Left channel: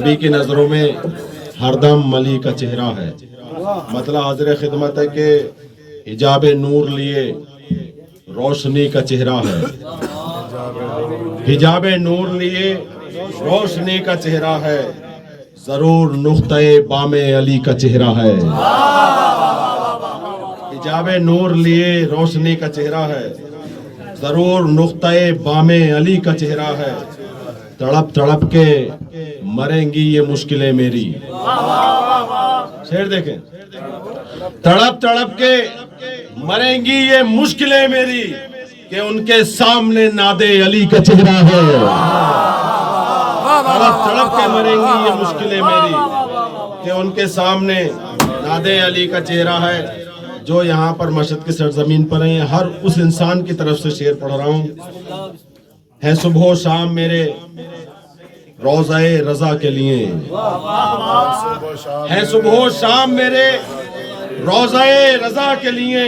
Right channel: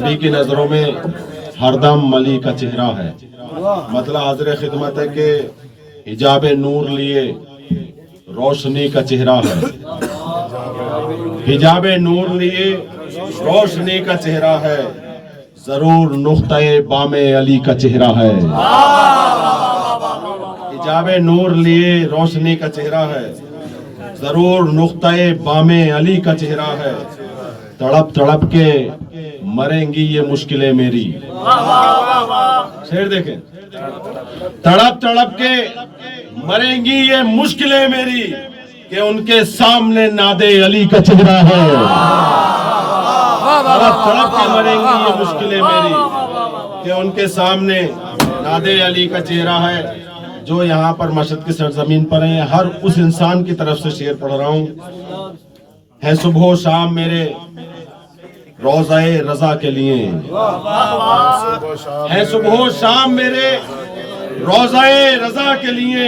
نبی کی نظروں میں ہر دم ملی کا چہرہ ہے. مطلب حاضر خدمت ہے کہ حجاب نور لیے روشنی کا چہرہ ہے. حجاب نور لیے روشنی کا چہرہ ہے. ضرور نقطۂ بام علی کا چہرہ ہے. حجاب نور لیے روشنی کا چہرہ ہے. ضرور نقطۂ بام علی کا چہرہ ہے. تڑپ تڑپ کے مریں گی یہ مشکلیں میری. شعر دیکھیں. تڑپ تڑپ کے مریں گی یہ مشکلیں میری کہ ان کے سامنے ناد علی کا چہرہ ہے. تڑپ تڑپ کے مریں گی یہ مشکلیں میری کہ ان کے سامنے ناد علی کا چہرہ ہے. جو یہاں پر مشہد کی سرزمین پر ہیں، ہر اس انسان کی طرف سے شعر پڑھ رہا ہوں. ہے صبح و شام میرے روضہ رضا کے لیے، ہے صبح و شام میرے روضہ رضا کے لیے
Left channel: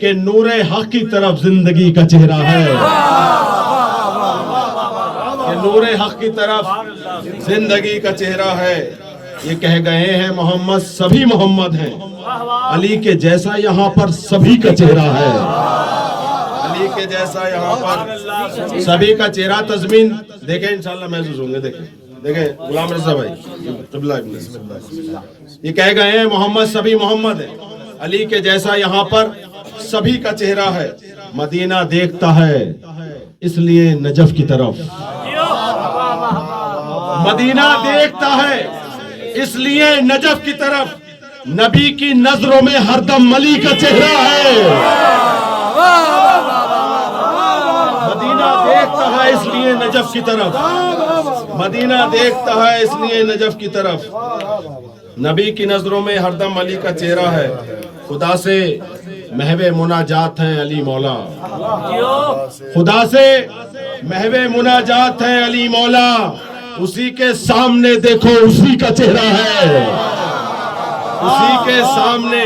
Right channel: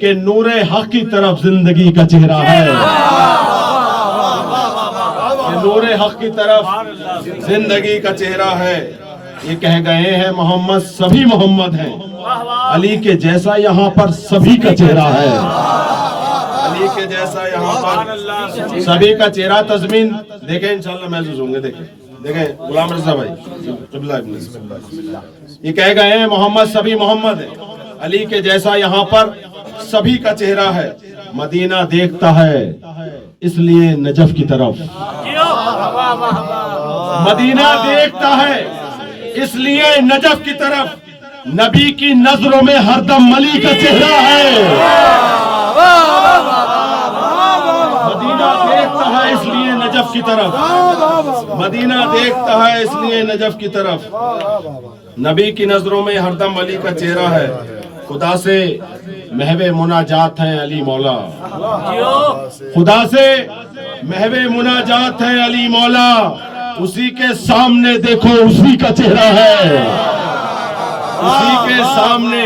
کہ نور حق کی طرف زندگی کا چہرہ ہے. کہ نور حق کی طرف زندگی کا چہرہ ہے. یہ کہہ گئے ہیں محمد سبھی محمد ہیں، علی کے جیسا یہاں پر سبھی کا چہرہ ہے. علی کے جیسا یہاں پر سبھی کا چہرہ. تضمین دیکھیں انشاءاللہ محسوس ہوں گے. دیکھیں غلام رضا بھائی قبلہ یہ کہہ گئے ہیں محمد سبھی محمد ہیں، علی کے جیسا یہاں پر سبھی کا چہرہ ہے. مدینہ دیکھتا ہے اس لیے نجف کی طرف. مدینہ دیکھتا ہے اس لیے نجف کی طرف. نبی کی نظروں میں ہر دم علی کا چہرہ ہے. مدینہ دیکھتا ہے اس لیے نجف کی طرف. مدینہ دیکھتا ہے اس لیے نجف کی طرف. نبی کی نظروں میں ہر دم علی کا چہرہ ہے. خدا سے محو مناجات ہے علی مولا. خدا سے محو مناجات ہے علی مولا. اسی کے سامنے دیکھو اسی کا چہرہ ہے. اسی کے سامنے.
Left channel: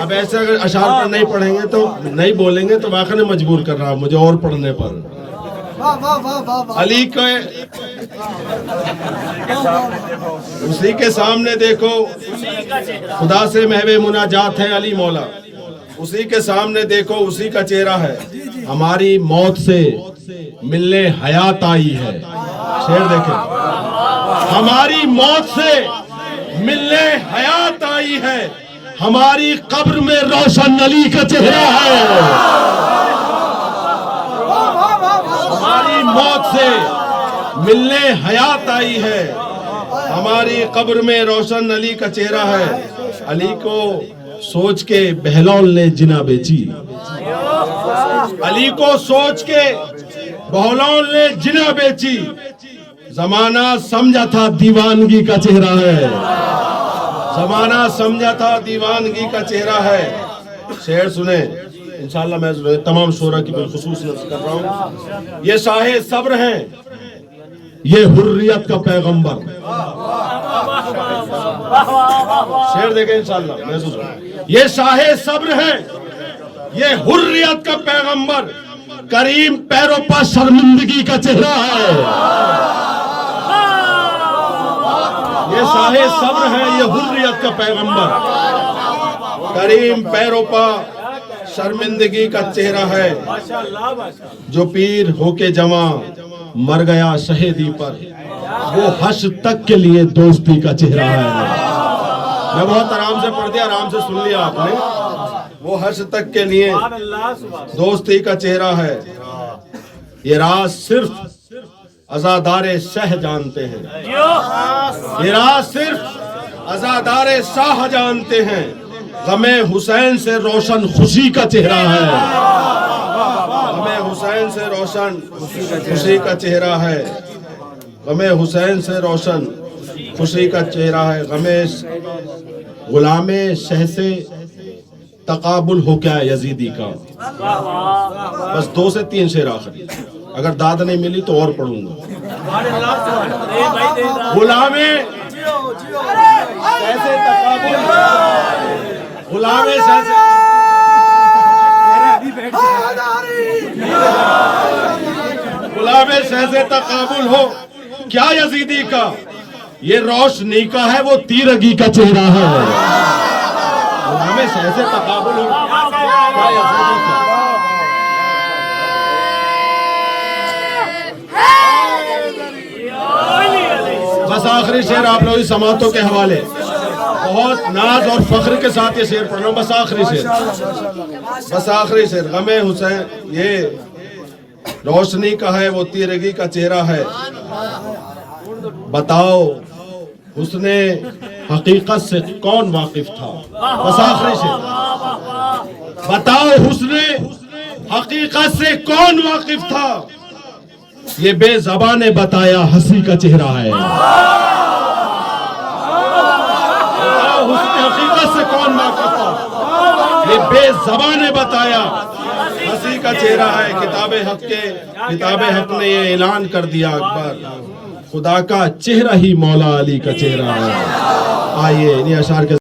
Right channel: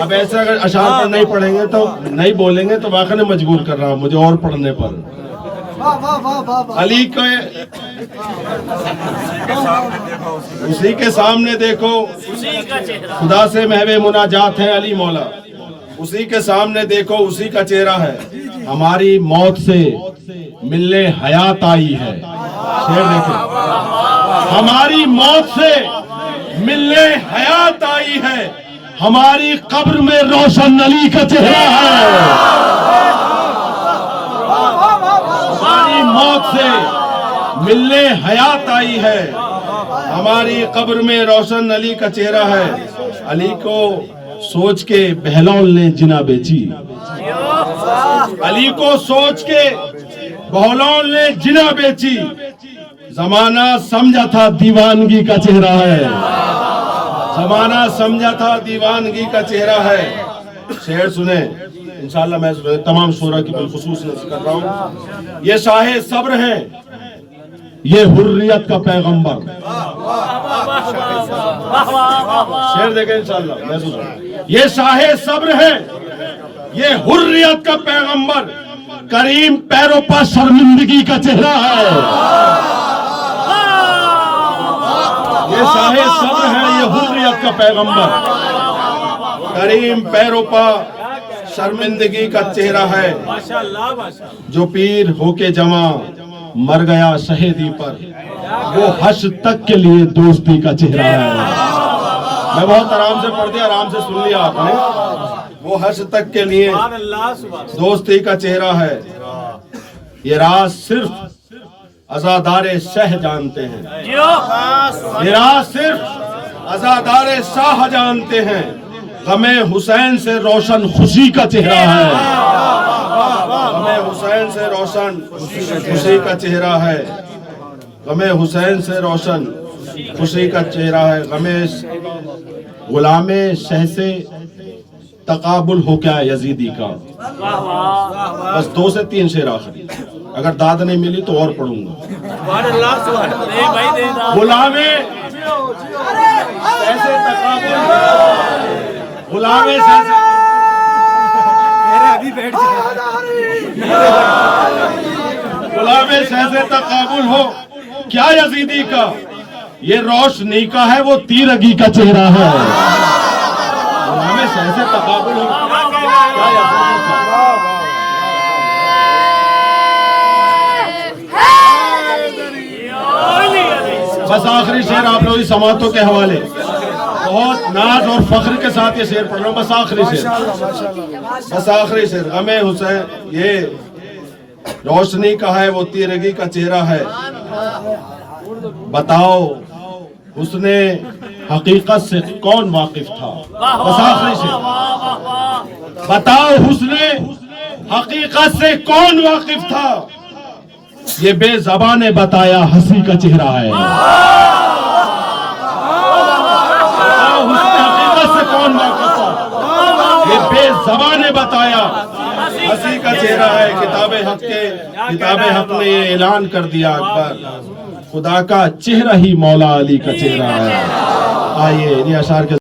اب ایسے اگر اشعار پر نہیں پڑھیں گے تو نہیں بولیں گے تو واقعی نے مجبور کر رہا ہوں مجھے اور پڑھنے پر. علی کے اسی کے سامنے دیکھو. خدا سے محو مناجات ہے علی مولا. اسی کے سامنے دیکھو اسی کا چہرہ ہے. ہماری موت سے ملنے حیات آئی ہے. شعر دیکھیں. ہماری موت سے ملنے حیات آئی ہے. ہماری قبر میں روشن علی کا چہرہ ہے. ہماری موت سے ملنے حیات آئی ہے. ہماری قبر میں روشن علی کا چہرہ ہے. علی کو سوچ کے بہلول نے جنا بیچی. علی کو سوچ کے بہلول نے جنا بیچی. زمانہ سمجھا تھا دیوانگی کا چہرہ ہے. زمانہ سمجھا تھا دیوانگی کا چہرہ ہے. شعر سنیں انشاءاللہ. میں تمام شعراء کی بالخصوص نظر کر رہا ہوں. یہ شاہ صبر ہیں، یہ حریت کا پیغمبر. شعر دیکھیں انشاءاللہ محسوس. یہ شاہ صبر ہیں، یہ حریت کا پیغمبر. کریم پیروں پر شرمندگی کا چہرہ ہے. یہ شاہ صبر ہے، یہ حریت کا پیغمبر. کریم پیروں پر شرمندگی کا چہرہ ہے. جو پیر ہو کے جمع مر گیا شہیدی پر، وہ حشر تک کے لیے دوستی کا چہرہ ہے. میں بہت آرام سے پڑھ دیا، آرام سے سن لیا آپ نے. وہ حشر تک کے لیے دوستی کا چہرہ ہے. یہ راز صرف عزادار شہ جانتے ہیں. یہ راز صرف عزادار شاہ جانتے ہیں. غم حسین سے روشن خوشی کا چہرہ ہے. غم حسین سے روشن خوشی کا چہرہ ہے. غم حسین سے روشن خوشی کا چہرہ ہے. غم غلام شہ سے تقابل ہو کیا یزیدی کا. بس 2 سے 3 شعر آخری. اگر داد نہیں ملی تو اور پڑھوں گا. غلام شہ سے تقابل، غلام شہ سے غلام شہ سے تقابل ہو کیا یزیدی کا. یہ روشنی کا ہے وہ تیرگی کا چہرہ ہے. ہمیں ایسے تقابل ہو کیا یقین تھا. بس آخری شعر آپ لوگ سماعتوں کے حوالے، بہت ناز اور فخر کے ساتھ یہ شعر پڑھ رہا ہوں. بس آخری شعر، بس آخری شعر. غم حسین یہ روشنی کا ہے وہ تیرگی کا چہرہ ہے. بتاؤ حسن حقیقت سے کون واقف تھا. بس آخری شعر. بتاؤ حسن حقیقت سے کون واقف تھا. یہ بے زبان نے بتایا ہنسی کا چہرہ ہے. بتاؤ حسن حقیقت سے کون واقف تھا. یہ بے زبان نے بتایا ہنسی کا چہرہ ہے. کتاب حق نے یہ اعلان کر دیا اکبر، خدا کا چہرہ ہی مولا علی کا چہرہ ہے. آئیے انہیں اشعار کے